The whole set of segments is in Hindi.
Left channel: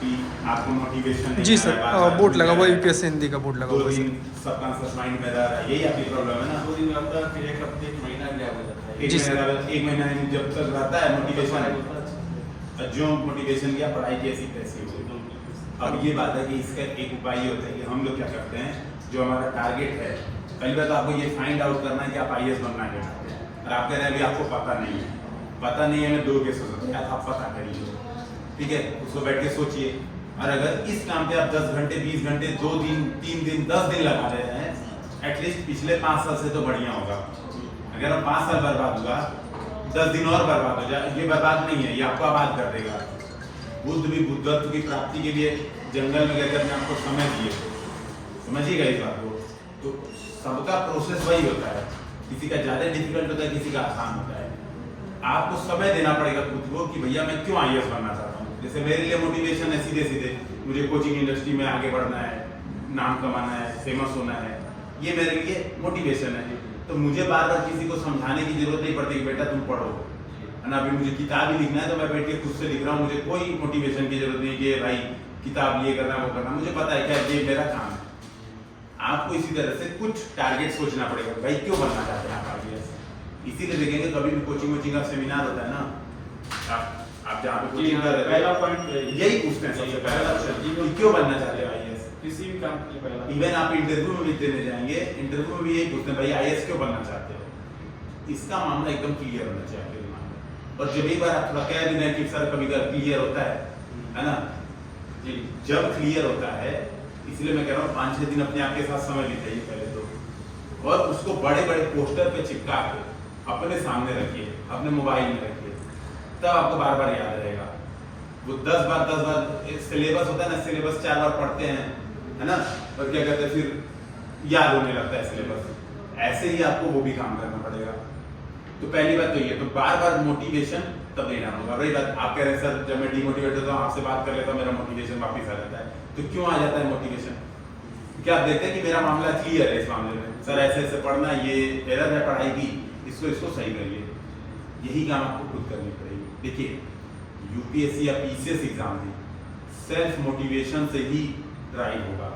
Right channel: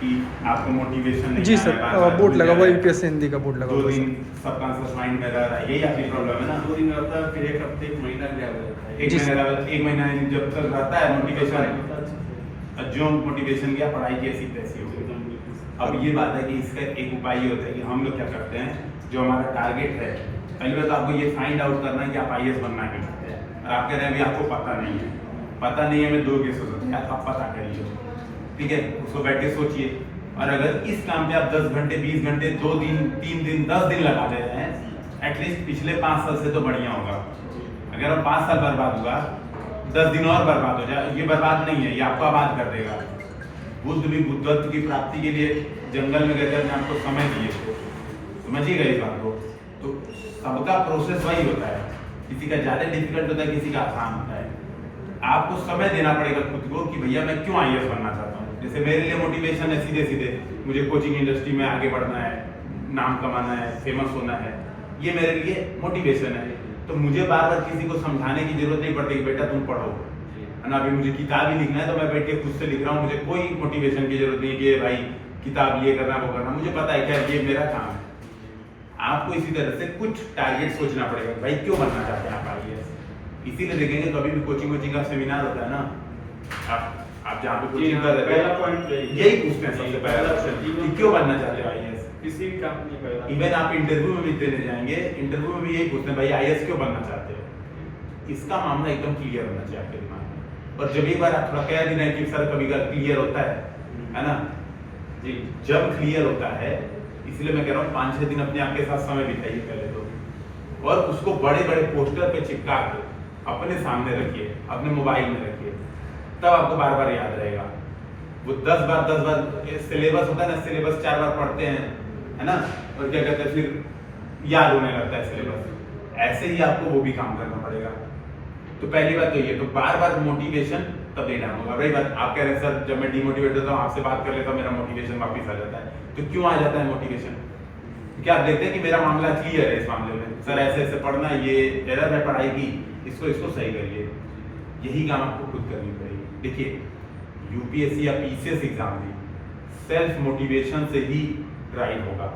कि आपको मोटिवेशन नहीं जी आ रहा सर, है, बार-बार बोर्ड भूल लगा जा हुआ रहे हैं। यूपीएससी हिंदी का बोर्ड लगा 2 हुआ है दिन सर। सबकॉन्शियस माइंड में रह रहा है, यही आपकी प्रॉब्लम है ना। वो दिन रहता है, फिर एक हफ्ते एक महीना गैप हो जाता है। एक जी महीना सर। एक महीना जब तक रहता है मोटिवेशन, जो मोटिवेशन गया पढ़ाई की ऐसी तैसी हो गई। अब ये बात है कि इसका एक उपाय ये होता है कि हम लोग क्या करते हैं, जो हमारा टारगेट है, पहली बात तो आपको ये फाइंड आउट करना है कि आप आईएएस बनना क्या चाहते हैं। और आप कह रहे हैं अभी आपको पता नहीं है, पता नहीं है, मैं 2 केसेस होते हैं, आप पता करिए, ठीक है, उसको बैठ के सोचिए। और अगर इस काम पे आप 10 घंटे 20 घंटे 2 दिन 3 दिन 10 दिन लगा रहे हैं, एटलीस्ट पिछले 5 साल से तो बढ़िया होगा। अगर हम 5 साल बर्बाद हुआ, 10 दिन और बर्बाद हो जाए, ये बर्बाद नहीं है, ये आपको आबाद कर देगा। बुद्ध भी बुद्धत्व की प्राप्ति के लिए जंगल में गए थे, अपने आपको समय दिए, समझिएगा इस बात को। तो सबका प्रोसेस वही होता है, किसी का ज्यादा डिफिकल्ट होता है, किसी का आसान होता है। आपको समय देना पड़ेगा खुद को कि भैया मैं क्यों आईएएस बनना चाहता हूँ। जैसे मेरे लिए मोटिवेशन है सीधे सीधे, मुझे कोचिंग इंडस्ट्री में आगे बढ़ना है, नाम कमाना है, फेमस होना है, ये मेरे लिए मोटिवेशन है। तो मुझे बार बार किसी को समझाने की जरूरत नहीं पड़ती कि बेटा तुम पढ़ो, है ना। अभी मुझे किताब ही लिखना है तो मैं बैठ के खुद से लिख रहा हूँ, मुझे कोई मोटिवेशन की जरूरत नहीं है कि भाई किताब ये करना वो करना, मुझे पता है क्या ये मेरा काम है। आपको इसी तरह से कुछ टारगेट सोचना पड़ेगा, भाई क्यों बनना चाहते हैं आप आईएएस। इसीलिए देखेंगे कभी भी कोचिंग का सेमिनार होता है ना, आप जहाँ पे कोचिंग कर रहे पहला हैं पॉइंट यही पूछते हैं सबसे पहला क्वेश्चन कि क्यों बनना चाहते हैं आईएएस। किसी भी काम में पहला इवन आप इंटरव्यू में भी देने जाएंगे, इंटरव्यू में भी यही पूछते हैं भाई आईएएस क्यों बनना चाहते हो। इसका मामला एकदम क्लियर होना चाहिए आपके दिमाग में। और जब एक बार आप थोड़ा कह भी रहे हैं कि सर कभी क्लियर होता है ना जी, जब क्लियर होता है, इसलिए मैं कह रहा हूँ 5-6 दिन अपने आप के साथ समय बिताइए पहले तो, और उसको बड़े बड़े पोस्टर पे चिपका के अपने सामने रखिए, अपने मोबाइल में रखिए, तब आपको बार बार याद रहेगा। वो 10 बार सिलेबस होता है ना, सिलेबस 4 बार पढ़ते हैं, है ना, और क्या कहते हैं फिर याद होने लगता है सिलेबस। ऐसे ही आपको वो भी काम करना पड़ेगा। तो पहली बात तो ये, तो बार बार मोटिवेशन तब लेना होगा। वही बात आप कह रहे हैं सर जब मैं डिमोटिवेट होता हूँ आपसे बात कर लेता हूँ मेरा मोटिवेशन वापस आ जाता है। तो क्यों आ जाता है मोटिवेशन? क्या आप देखते हैं कि मेरा मामला क्लियर है इस मामले में, सर ऐसे ऐसे पढ़ना, ये एरर है पढ़ाई की, इसको सही करिए। यही काम आपको खुद करनी पड़ेगी। देखिए यूपीएससी या पीसीएस एग्जाम भी सेल्फ मोटिवेशन से ही ड्राइव होगा।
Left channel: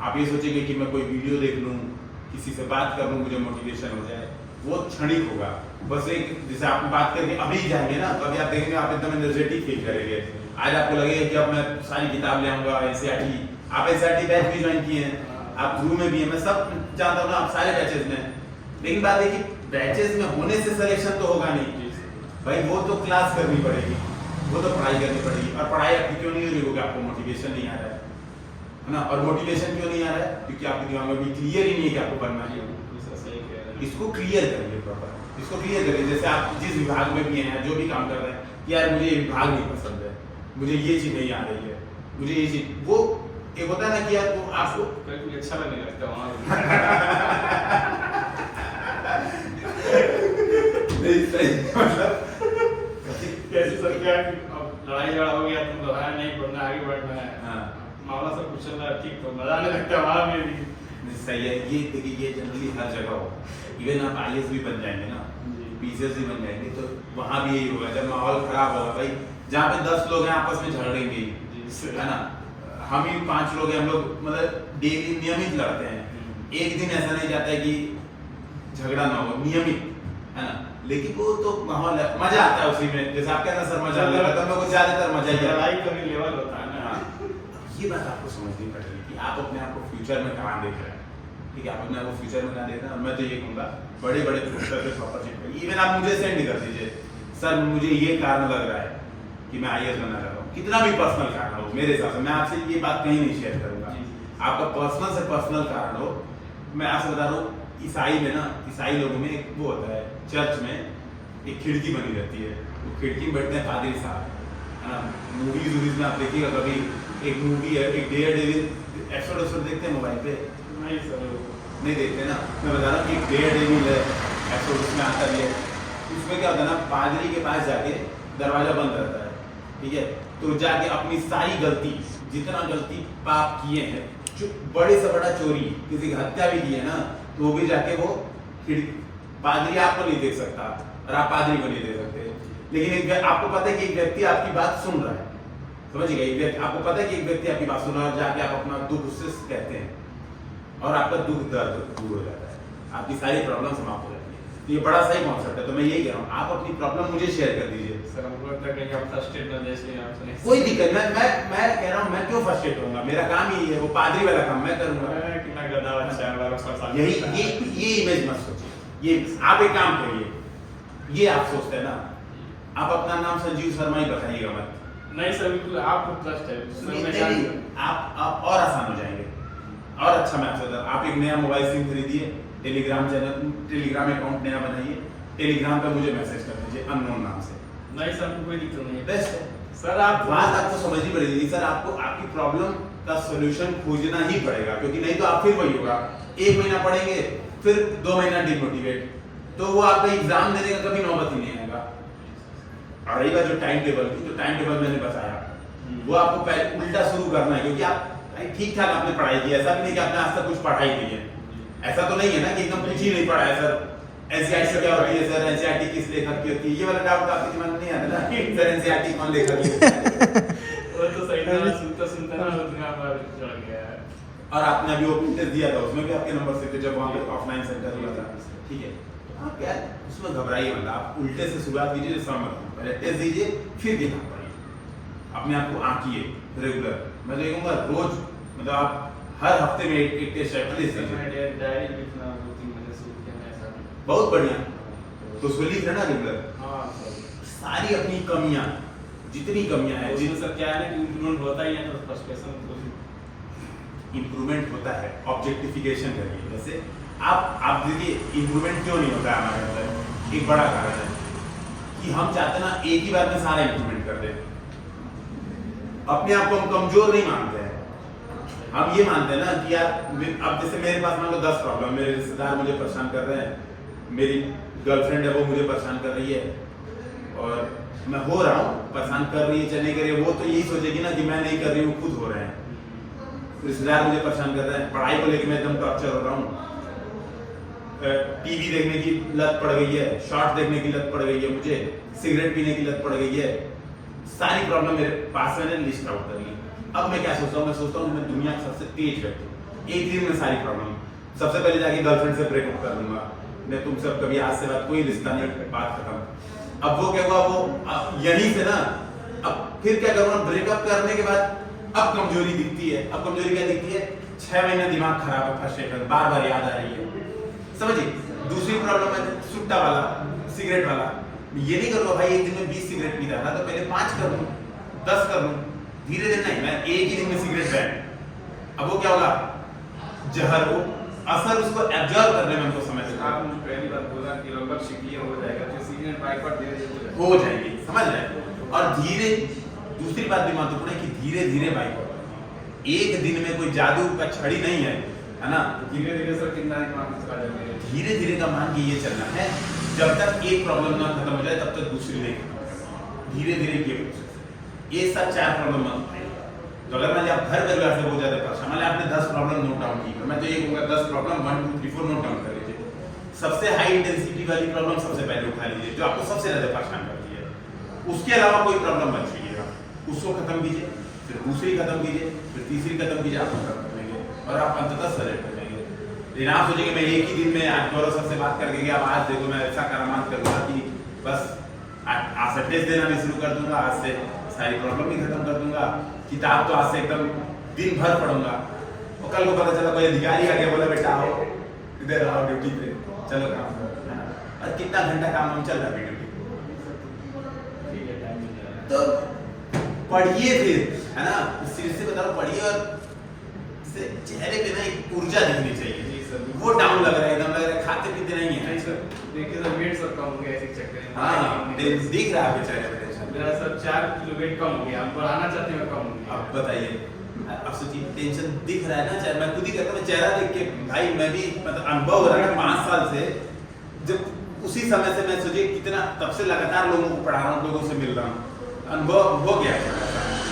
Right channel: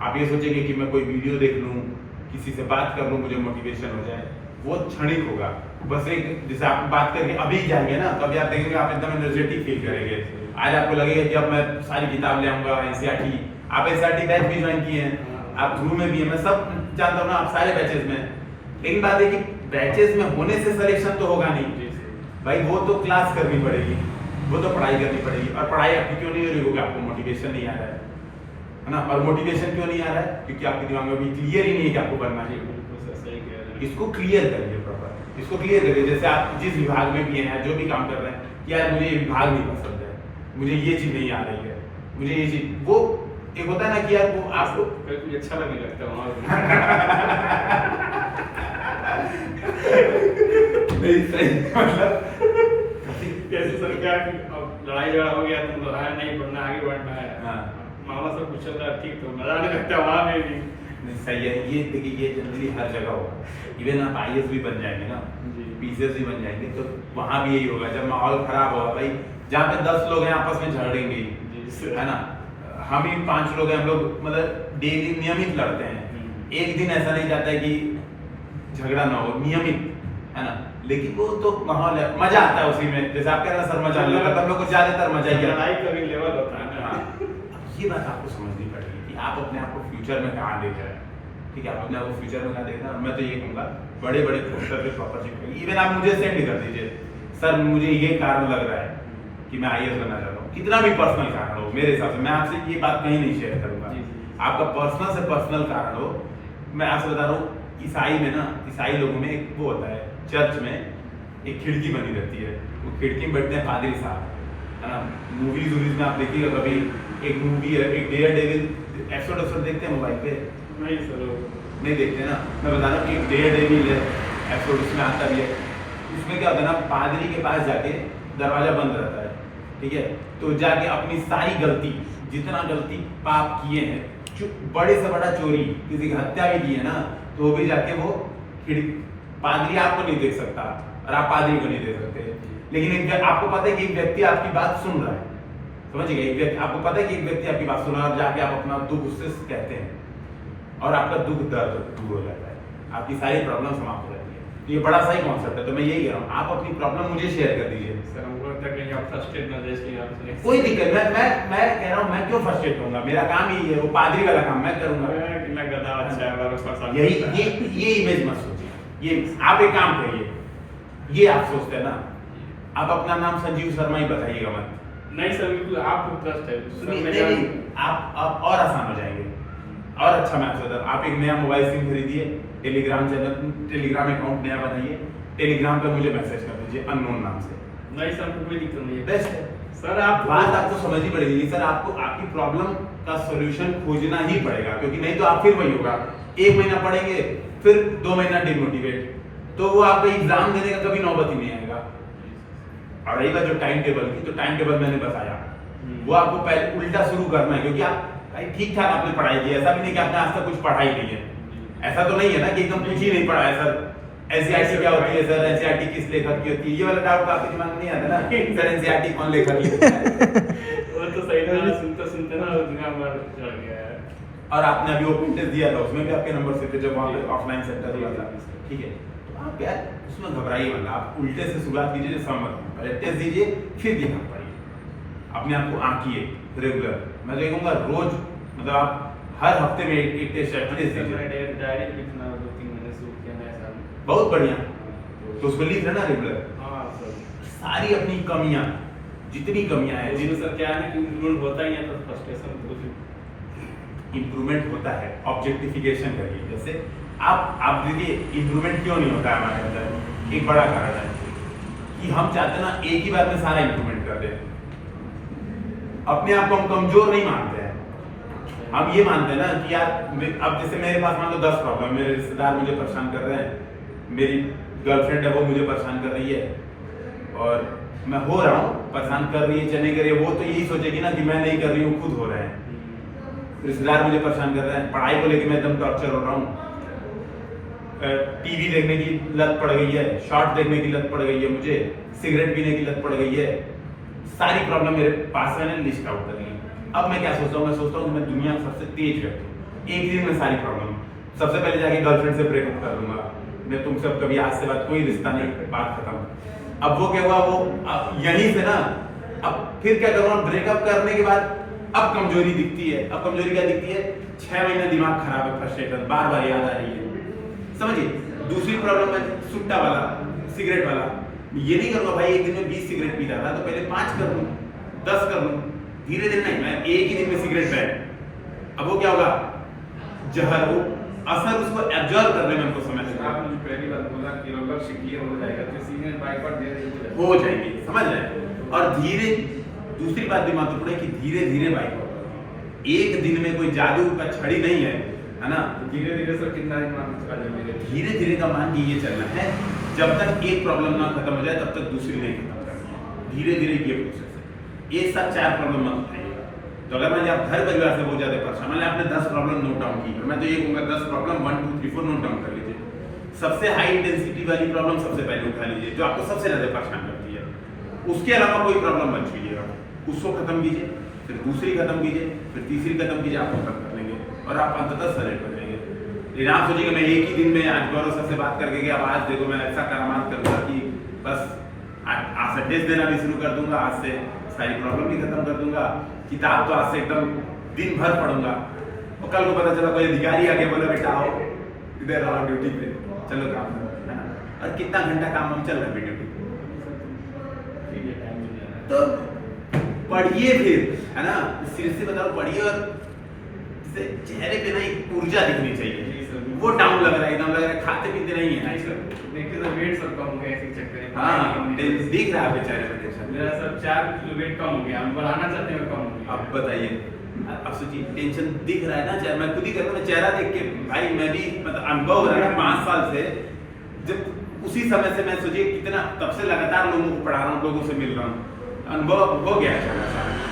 आप ये सोचेंगे कि मैं कोई वीडियो देख लूँ, किसी से बात कर लूँ, मुझे मोटिवेशन हो जाए, वो क्षणिक होगा। बस एक जैसे आप बात करके अभी जाएंगे ना, तो अभी आप देखेंगे आप एकदम एनर्जेटिक फील करेंगे। आज आपको लगेगा कि अब मैं सारी किताब ले आऊंगा, एनसीईआरटी, आप एनसीईआरटी बैच भी ज्वाइन किए हैं, आप ग्रुप में भी है, मैं सब जानता हूँ ना, आप सारे बैचेस में। लेकिन बात है कि बैचेस में होने से सिलेक्शन तो होगा नहीं भाई, वो तो क्लास करनी पड़ेगी, वो तो पढ़ाई करनी पड़ेगी। और पढ़ाई आपकी क्यों नहीं हो रही होगी? आपको मोटिवेशन नहीं आ रहा है ना। और मोटिवेशन क्यों नहीं आ रहा है? क्योंकि आपके दिमाग में भी क्लियर ही नहीं है कि आपको करना है। इसको क्लियर करिए प्रॉपर, इसको क्लियर करिए। जैसे आप जिस विभाग में भी हैं, जो भी काम कर रहे हैं, यार मुझे ये विभाग नहीं पसंद है, मुझे ये चीज नहीं आ रही है, मुझे ये चीज, वो एक होता है ना कि यार वो आपको कुछ अच्छा लगने लगता है नहीं सही, मतलब कैसे सर क्या कि अब लड़ाई झगड़ा हो गया, तुम लड़ाई नहीं पढ़ना, आगे बढ़ना है, हाँ मामला सब कुछ चल रहा है ठीक, तो मजा आने लगता है वहाँ में भी। नहीं सही है। ये देखिए ये जनरली हर जगह होगा। इवन आप आईएएस भी बन जाएंगे ना, पीसीएस भी बन जाएंगे, तो वहाँ भी यही होगा। जब माहौल खराब होगा भाई, जहाँ पे 10 लोग हैं आपस में झगड़ेंगे, है ना, हम ही 5 लोग हैं, हम लोग मतलब डेली नियमित लड़ते हैं। एक दिन ऐसा नहीं जाता है कि झगड़ा ना हो, नियमित, है ना। लेकिन वो तो माहौल है, मजा आता है उसी में। जैसे आप कह रहे हैं सर मजा आता है, को ज्यादातर मजा ही आता है। लड़ाई का भी लेवल होता है ना। ये बात आपको समझनी पड़ेगी कि आप अपने आप को फ्यूचर में कहाँ देख रहे हैं। ठीक है, आप अपने आप को फ्यूचर में कहाँ देख रहे हैं। और मैं तो ये कहूँगा बड़े बड़े पोस्टर पे प्रॉपर चिपकाइए। इवन आप मुझे सेंड कर दीजिए, सर मुझे ये कारण लग रहा है कि मैं आईएएस बनना चाहता हूँ, कितना भी पर्सनल कारण हो मेरे हिसाब से। मैं आपसे ये बात कहीं नहीं शेयर करूंगा, आपका पर्सनल से पर्सनल कारण हो। मैं आपसे बता रहा हूँ, ईसाई में ना, ईसाई लोगों में एक वो होता है, चर्च में एक खिड़की बनी रहती है, वो खिड़की में बैठते हैं पादरी साहब, है ना। मूवीज वूवीज में आप देखिएगा कभी, एक मूवी है, एक डेयर डेविल एपिसोड देखते हैं मोबाइल पे? नहीं सर, नहीं देखते ना। मैं बता रहा हूँ कि एक डेयर डेविल है एपिसोड, उसमें आता भी है। उसमें क्या होता है ना, पादरी के पास जाके दरवाजा बंद रहता है, ठीक है, तो जाके अपनी सारी गलती, जितना गलती पाप किए हैं, जो बड़े से बड़ा चोरी, किसी की हत्या भी की है ना, तो वो भी जाके वो पादरी आपको नहीं देख सकता और आप पादरी को नहीं देख सकते। लेकिन आपको पता है कि एक व्यक्ति आपकी बात सुन रहा है, समझिएगा, एक व्यक्ति आपको पता है कि एक व्यक्ति आपकी बात सुन रहा है और जाके आप अपना दुख उससे कहते हैं और आपका दुख दर्द दूर हो जाता है, आपकी सारी प्रॉब्लम समाप्त हो जाती है। तो ये बड़ा सही कॉन्सेप्ट है। तो मैं यही कह रहा हूँ, आप अपनी प्रॉब्लम मुझे शेयर कर दीजिए। सर हमको लगता है कि आप फ्रस्ट्रेट ना देश में आप कोई दिक्कत, मैं कह रहा हूँ, मैं क्यों फ्रस्ट्रेट होऊंगा, मेरा काम ही है, वो पादरी वाला काम मैं करूंगा। कितना गधा अच्छा है मेरा साथ। यही ये इमेज मत सोचिए। ये आप एक काम करिए, ये आप सोचते हैं ना, आप अपना नाम संजीव शर्मा ही बताइएगा मत। नहीं सर बिल्कुल आपको ट्रस्ट है सर। नहीं, आप और आसान हो जाएंगे और अच्छा मैं आपसे बता, आप एक नया मोबाइल सिम खरीदिए, टेलीग्राम अकाउंट नया बनाइए, टेलीग्राम पे मुझे मैसेज कर दीजिए अननोन नाम से। नहीं सर कोई दिक्कत नहीं है। बेस्ट है सर आप बात आपको समझनी पड़ेगी सर, आपको आपकी प्रॉब्लम का सॉल्यूशन खोजना ही पड़ेगा, क्योंकि नहीं तो आप फिर वही होगा, 1 महीना पढ़ेंगे फिर 2 महीना डिमोटिवेट, तो वो आपका एग्जाम देने का कभी नौबत ही नहीं आएगा। और रही बात जो टाइम टेबल की, तो टाइम टेबल मैंने बताया, वो आपको पहले उल्टा शुरू करना है, क्योंकि आप ठीक ठाक आपने पढ़ाई की, ऐसा भी नहीं कि आपने आज तक कुछ पढ़ाई नहीं है, ऐसा तो नहीं है ना कि एकदम कुछ ही नहीं पढ़ा है सर। एनसीईआरटी क्या होती है सर, एनसीईआरटी किस लेखक की होती है, ये वाला डाउट आपके दिमाग में नहीं आता ना सर, एनसीईआरटी कौन लेखक की होती है। वो तो सही था, सुनते ना दिमाग में चढ़ गया है। और आपने अभी ओपन टेस्ट दिया था, उसमें भी आपके नंबर से थे जब वहाँ पे ऑफलाइन सेंटर हुआ था, ठीक है। तो आप यार उसमें घबराइए मतलब, आप उल्टे से शुरुआत कीजिए, सहमत हो, पहले टेस्ट दीजिए फिर दिमाग पढ़िए, अपने आप को आंकिए रेगुलर। मैं तो ये कहूँगा रोज मतलब आप हर हफ्ते में एक टेस्ट एटलीस्ट दीजिए। डायरी लिखना 2-3 महीने से किया मैं ऐसा। बहुत बढ़िया, तो उसको लिख लेना रेगुलर, हाँ सर। सारी अपनी कमियां, जितनी कमियां हैं, जिन सर क्या है ना कि इंप्रूवमेंट होता ही है, तो फ्रस्ट्रेशन तो इंप्रूवमेंट होता है, ऑब्जेक्टिफिकेशन करिए। जैसे आप देखिए इंप्रूवमेंट क्यों नहीं होता है हमारे अंदर, एक बड़ा कारण है कि हम चाहते ना एक ही बार में सारा इंप्रूवमेंट कर दें। अपने आप को हम कमजोर नहीं मानते हैं, हम ये मानते हैं ना कि यार अब जैसे मेरे पास मान लो 10 प्रॉब्लम, मेरे रिश्तेदार मुझे परेशान कर रहे हैं, मेरी गर्लफ्रेंड है वो मुझे परेशान कर रही है, और मैं हो रहा हूँ, परेशान कर रही है चाहे नहीं कर रही है, वो तो यही सोचेगी ना कि मैं नहीं कर रही हूँ, खुद हो रहे हैं। रिश्तेदार मुझे परेशान कर रहे हैं, पढ़ाई को लेकर मैं एकदम टॉर्चर हो रहा हूँ, टीवी देखने की लत पड़ गई है, शॉर्ट देखने की लत पड़ गई है, मुझे सिगरेट पीने की लत पड़ गई है, सारी प्रॉब्लम मेरे पास मैंने लिस्ट आउट कर ली। अब मैं क्या सोचता हूँ, मैं सोचता हूँ मैं दुनिया का सबसे तेज व्यक्ति हूँ, एक दिन में सारी प्रॉब्लम, सबसे पहले जाके गर्लफ्रेंड से ब्रेकअप कर लूंगा, मैं तुमसे अब कभी आज से बात कोई रिश्ता नहीं, बात खत्म। अब वो क्या हुआ, वो यहीं से ना, अब फिर क्या करूँगा, ब्रेकअप करने के बाद अब कमजोरी दिखती है। अब कमजोरी क्या दिखती है, 6 महीने दिमाग खराब है, फ्रस्ट्रेशन बार बार याद आ रही है, समझिए। दूसरी प्रॉब्लम है सुट्टा वाला, सिगरेट वाला, ये नहीं करूँगा भाई एक दिन में 20 सिगरेट पीता था तो पहले 5 कर लूँ, 10 कर लूँ, धीरे धीरे नहीं, मैं एक ही दिन में सिगरेट बैन। अब वो क्या होगा, जहर, वो असर उसको एब्जॉर्ब करने में हमको समय लगेगा। आप मुझे पहली बात बोला कि लगभग क्लियर हो जाएगा, तो सीजन बाय बार धीरे धीरे हो जाएगी, समझ रहे हैं। और धीरे, दूसरी बात भी महत्वपूर्ण है कि धीरे धीरे बाइक, एक दिन में कोई जादू का छड़ी नहीं है ना, धीरे धीरे सर कितना चला जाएगा, धीरे धीरे का मान के ये चलना है, जब तक एक प्रॉब्लम ना खत्म हो जाए तब तक दूसरी नहीं खत्म करनी है, धीरे धीरे ये प्रोसेस है। ये सब 4 प्रॉब्लम मत उठाइएगा। तो अगर मान आप घर परिवार से बहुत ज्यादा परेशान, मान आपने 10 प्रॉब्लम नोट डाउन की, मैं तो ये कहूँगा 10 प्रॉब्लम 1 2 3 4 नोट डाउन कर लीजिए। सबसे हाई इंटेंसिटी वाली प्रॉब्लम सबसे पहले उठा लीजिए, जो आपको सबसे ज्यादा परेशान करती है, उसके अलावा कोई प्रॉब्लम मत छूइएगा, उसको खत्म कीजिए, फिर दूसरी खत्म कीजिए, फिर तीसरी खत्म कीजिए, आप खत्म कर लेंगे और आप अंततः सेलेक्ट हो जाएंगे। लेकिन आप सोचेंगे मैं एक ही दिन में आज गौरव सर से बात करके गया, अब आज देखो मैं ऐसा करामात करूंगा कि बस आज से टेस्ट देना भी शुरू कर दूंगा, आज से सारी प्रॉब्लम भी खत्म कर दूंगा, किताब तो आज से एकदम दिन भर पढ़ूंगा, और कल को पता चला कोई अधिकारी आके बोला बेटा आओ इधर आओ ड्यूटी पे, चलो काम करो, है ना। और कितना घंटा काम हम चल रहा है ड्यूटी, तो पढ़िए फिर, है ना, सीरियसली बताओ पढ़िए, और चेहरे पे ना एक ऊर्जा दिखनी चाहिए, वो डाउन लग रहा है, एकदम लग रहा है खाते पीते नहीं है आजकल, देखिए सर वेट सर कम हो गया ऐसे चेक करें। हाँ दिख रहा है आपके चेहरे पे टेंशन। मेरा सर 4 किलो वेट कम हो गया, हम बढ़ाना चाहते हैं और कम हो गया। आप बताइए, अब सोचिए टेंशन दिख रहा है ना, चाहे मैं खुद ही कहता हूँ, चेहरा देख के भाई मैं भी मतलब अनुभव हो रहा है 5 साल से, जब उसी समय से मैं सोचिए कितना तब से लगातार लोगों को पढ़ा रहा हूँ, लोगों से मिल रहा हूँ, अनुभव हो गया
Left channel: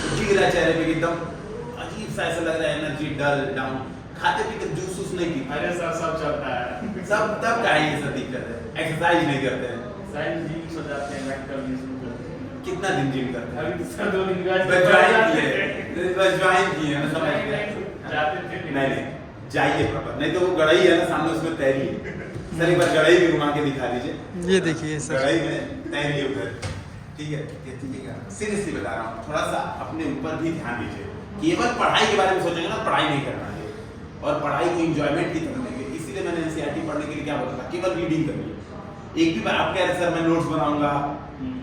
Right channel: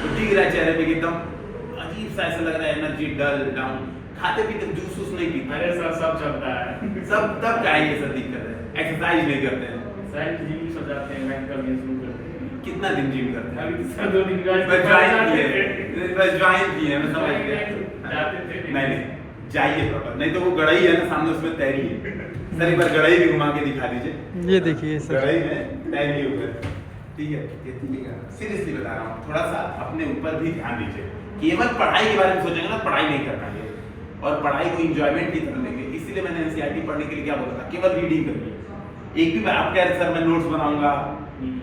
तो दिख रहा है चेहरे पे एकदम अजीब सा ऐसा लग रहा है, एनर्जी डल डाउन, खाते पीते जूस वूस नहीं पीते। अरे सर सब चलता है सब तब का ये सब दिक्कत है, एक्सरसाइज नहीं करते हैं, साइंस जी भी सो जाते हैं, लाइक करने शुरू करते हैं। कितना दिन जिम करते हैं? अभी सर 2 दिन का बस ज्वाइन किए, मैं समझ गया। जाते थे नहीं जाइए प्रॉपर, नहीं तो वो गड़ाई है ना सामने, उसमें तैरिए। सर एक बार गड़ाई भी घुमा के दिखा दीजिए। ये देखिए सर, गड़ाई में तैरिए उधर, ठीक है? ये दीजिएगा, सीरियसली बता रहा हूँ, थोड़ा सा अपने ऊपर भी ध्यान दीजिए। केवल पढ़ाई के बारे में सोचेंगे ना, पढ़ाई नहीं करना है और पढ़ाई को इंजॉयमेंट की तरह लेंगे। इसीलिए मैंने एनसीईआरटी पढ़ने के लिए क्या बोला था, केवल रीडिंग करिए। एक भी बार आप कह रहे सर मैं नोट्स बनाऊंगा,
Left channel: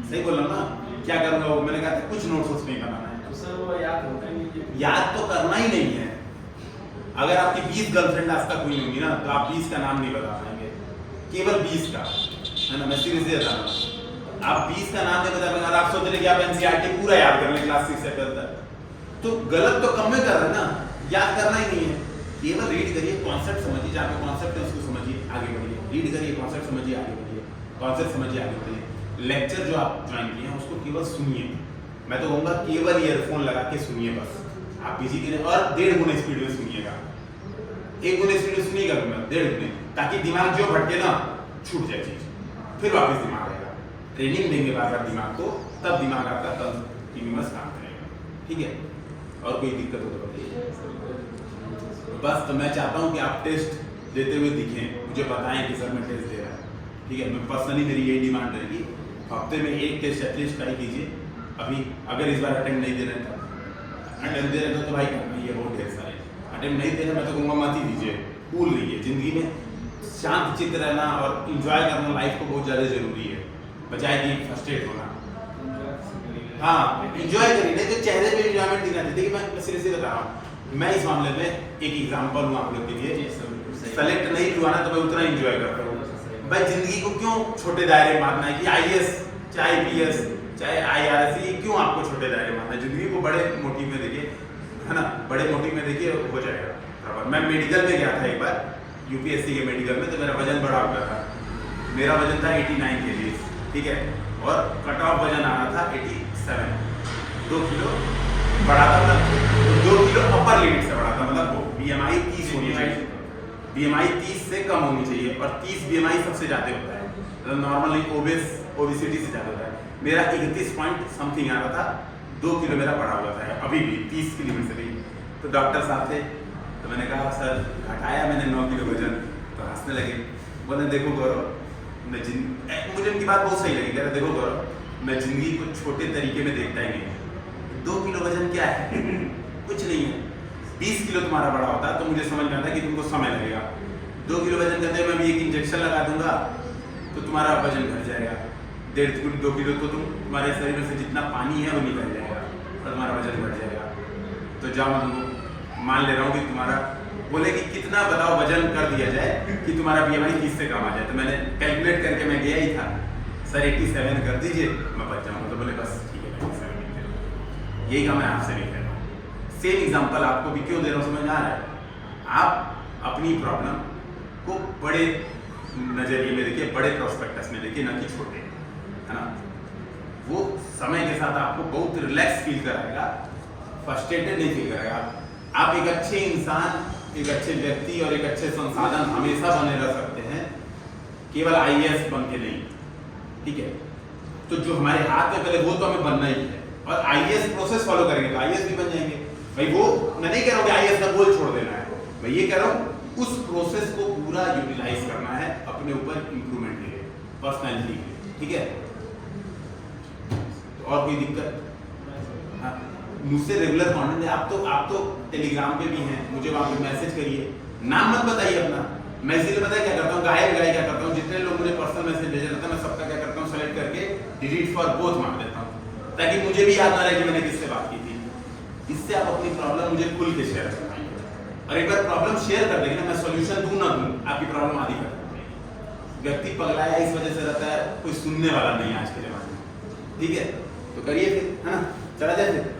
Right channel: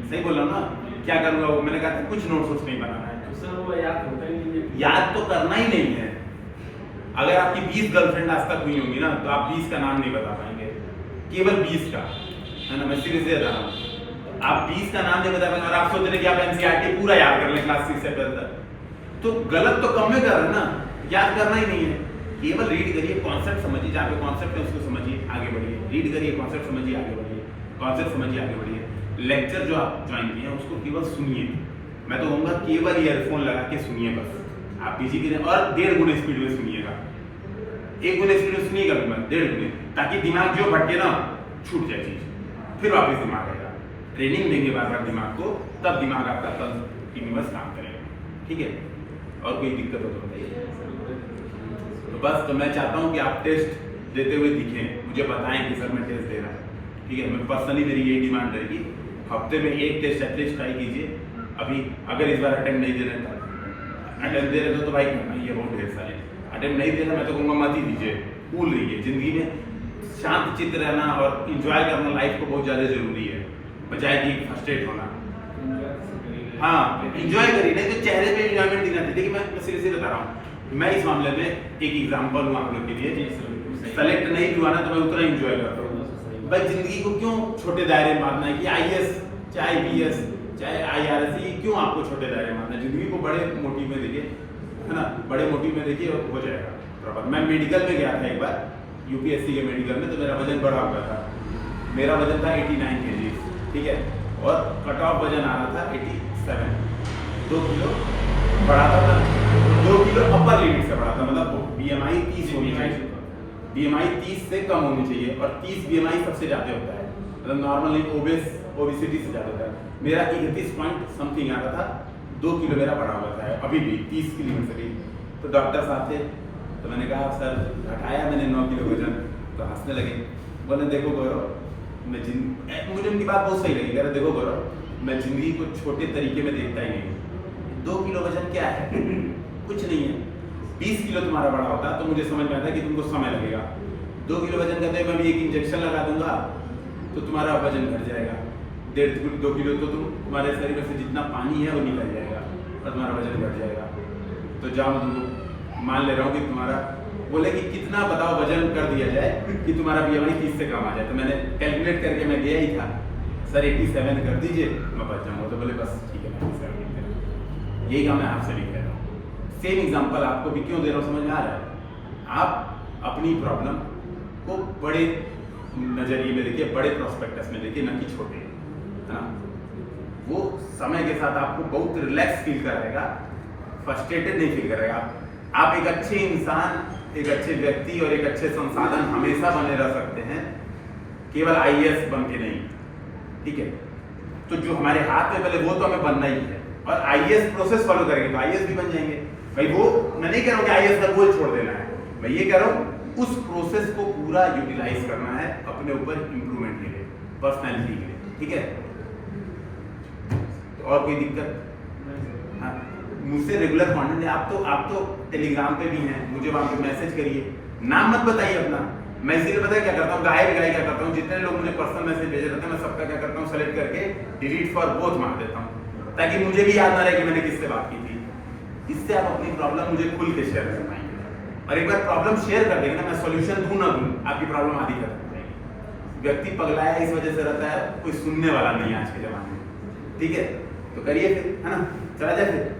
सही बोल रहा हूँ ना, क्या करूंगा वो, मैंने कहा था कुछ नोट्स उसमें ही बनाना है। तो सर वो याद होता ही नहीं है। याद तो करना ही नहीं है। अगर आपकी 20 गर्लफ्रेंड आज तक हुई होंगी ना, तो आप 20 का नाम नहीं बता पाएंगे, केवल 20 का, है ना? मैं सीरियसली बता रहा हूँ, आप 20 का नाम नहीं बता पाएंगे और आप सोच रहे कि आप एनसीईआरटी पूरा याद कर लें क्लास 6 से 12 तक, तो गलत तो कम में कर रहे हैं ना, याद करना ही नहीं है। केवल रीड करिए, कॉन्सेप्ट समझिए, जहाँ पे कॉन्सेप्ट है उसको समझिए, आगे बढ़िए। रीड करिए, कॉन्सेप्ट समझिए, आगे बढ़िए, कॉन्सेप्ट समझिए, आगे बढ़िए। लेक्चर जो आप ज्वाइन किए हैं उसको केवल सुनिए, मैं तो कहूँगा केवल ईयरफोन लगा के सुनिए बस। आप पीछे की और 1.5 गुना स्पीड में सुनिएगा, 1 गुना स्पीड में सुनिएगा तो मैं 1.5 गुने, ताकि दिमाग जो भटके ना छूट जाए चीज, फिर वापस दिमाग आएगा। ट्रेनिंग देंगे बार बार दिमाग को, तब दिमाग आपका कंटिन्यूअस काम करेगा, ठीक है? और कोई दिक्कत हो तो बताइए। बस तो मैं चाहता हूँ कि आप टेस्ट देते हुए दिखें, मुझे बताएं कि सर मैं टेस्ट दे रहा हूँ, ठीक है? मैं पर्सनली मेरी यही डिमांड रहेगी, हफ्ते में 1 टेस्ट एटलीस्ट ट्राई कीजिए। अभी अगर इस बार अटेम्प्ट नहीं दे रहे हैं, अटेम्प्ट दे रहे हो तो भाई करना ही है, बहुत ढेर सारे। अटेम्प्ट नहीं दे रहे मैं तो कहूँगा मत ही दीजिए, कूल रहिए। जिंदगी में शांत चित्त रहना और इंजॉय करना लाइफ को बहुत ज़्यादा जरूरी है, बजाय कि फ्रस्ट्रेट होना। हाँ इंजॉय करिए, नहीं तो चेहरे पे इंजॉयमेंट दिखना चाहिए। देखिए मैं सीरियसली बता रहा हूँ, मैं इस मामले में एक एग्जांपल हूँ आप लोग के लिए। सेलेक्ट नहीं हुआ ना तो मैं उतना इंजॉय करता हूँ। भाई जिंदगी को क्यों छोटे दायरे में मानना है कि आईएएस चाहे आईपीएस चाहे आईआरएस, ये क्यों आपको छोटे दायरे में मानना है? जिंदगी को बड़े मोटिव में देखिए, है ना? बड़े मोटिव में देखिए, हो जाएगा बराबर। मैं मेडिकल में गया था एक बार, यूपीएससी के मेडिकल में, तो मेरा वजन बढ़ा हुआ था। मेरा वजन था 89 kg, ठीक है? और कट ऑफ वजन आ रहा था 87, 2 किलो बढ़ा था, 2 किलो अपर लिमिट से बढ़ा था, मतलब बीएमआई 30 होनी चाहिए, बीएमआई 30 से कम होनी चाहिए, और 30 बीएमआई सबसे ज्यादा होता है, मतलब नॉर्मली ओबेसिटी से ज्यादा होता है। मेरा 31 पॉइंट समथिंग आ रहा था, 2 किलो मेरा बढ़ा हुआ था अभी भी 30 की लिमिट से भी। तो डॉक्टर साहब थे, तो मैंने कहा सर घटाया मैंने 9 किलो वजन, तो हंसने लगे, बोले देखो गौरव, मुझे उनकी बात बहुत सही लगी। कह रहे देखो गौरव, मैं जिंदगी को छोटे तरीके में देखता ही नहीं हूँ। 2 किलो वजन क्या है? कुछ नहीं है। 20 किलो तुम्हारा बड़ा होता तो मुझे समझ में आता कि तुमको समय लगेगा। 2 किलो वजन करते मैं भी एक इंजेक्शन लगा दूंगा तो तुम्हारा वजन घट जाएगा। 1.5 2 किलो तो तुम्हारे शरीर में से जितना पानी है वो निकल जाएगा और तुम्हारा वजन घट जाएगा। तो जाओ, मैं तुमको मान ले रहा हूँ कि तुम्हारा, बोले कि कितना बताओ वजन कर दिया जाए कि तुम्हारा बीएमआई 30 से कम आ जाए। तो मैंने कैलकुलेट करके मैं गया ही था, सर 87 कर दीजिए मैं बच जाऊंगा। तो बोले बस ठीक है 97 लिख दे। यही काम मैं आपसे भी कह रहा हूँ। सेम एग्जांपल आपको भी क्यों दे रहा हूँ समझ में आ रहा है? आप अपनी प्रॉब्लम को बड़े नजरिए में देखिए, बड़े प्रोस्पेक्टस में देखिए, ना कि छोटे, है ना? वो समय के साथ आपको बहुत रिलैक्स फील कराएगा, फ्रस्ट्रेटेड नहीं फील कराएगा। आप एक अच्छे इंसान, एक अच्छे व्यक्ति और एक अच्छे संसाधन हमेशा बने रह सकते हैं, केवल आईएएस बन के नहीं, ठीक है? तो जो हमारे हाथ में पहले वो तो हमें बनना ही है, और आईएएस प्रोसेस फॉलो करेंगे तो आईएएस भी बन जाएंगे। भाई वो मैं नहीं कह रहा हूँ कि आईएएस का गोल छोड़ देना है, मैं ये कह रहा हूँ उस प्रोसेस को पूरा यूटिलाइज करना है, अपने ऊपर इंप्रूवमेंट के लिए, पर्सनैलिटी के लिए, ठीक है? और कोई दिक्कत? हाँ, मुझसे रेगुलर कॉन्टेंट है। आप तो टेलीग्राम पे भी हैं, मुझे वहाँ पे मैसेज करिए, नाम मत बताइए अपना। मैं इसीलिए पता है क्या करता हूँ, गाय क्या करता हूँ, जितने लोग मुझे पर्सनल मैसेज भेजे रहते हैं मैं सबका क्या करता हूँ, सेलेक्ट करके डिलीट फॉर बोथ मार देता हूँ, ताकि मुझे भी याद ना रहे कि मैंने किससे बात की थी। इससे आप अपनी प्रॉब्लम मुझे खुल के शेयर कर पाएंगे, और एक बार प्रॉब्लम शेयर कर देंगे ना, मैं सॉल्यूशन दूं ना दूं, आपकी प्रॉब्लम आधी कर देंगे। व्यक्ति पगलाया इस वजह से रहता है, कोई सुनने वाला नहीं है आज के जमाने में, ठीक है? तो करिए फिर, है ना? चला जाए फिर।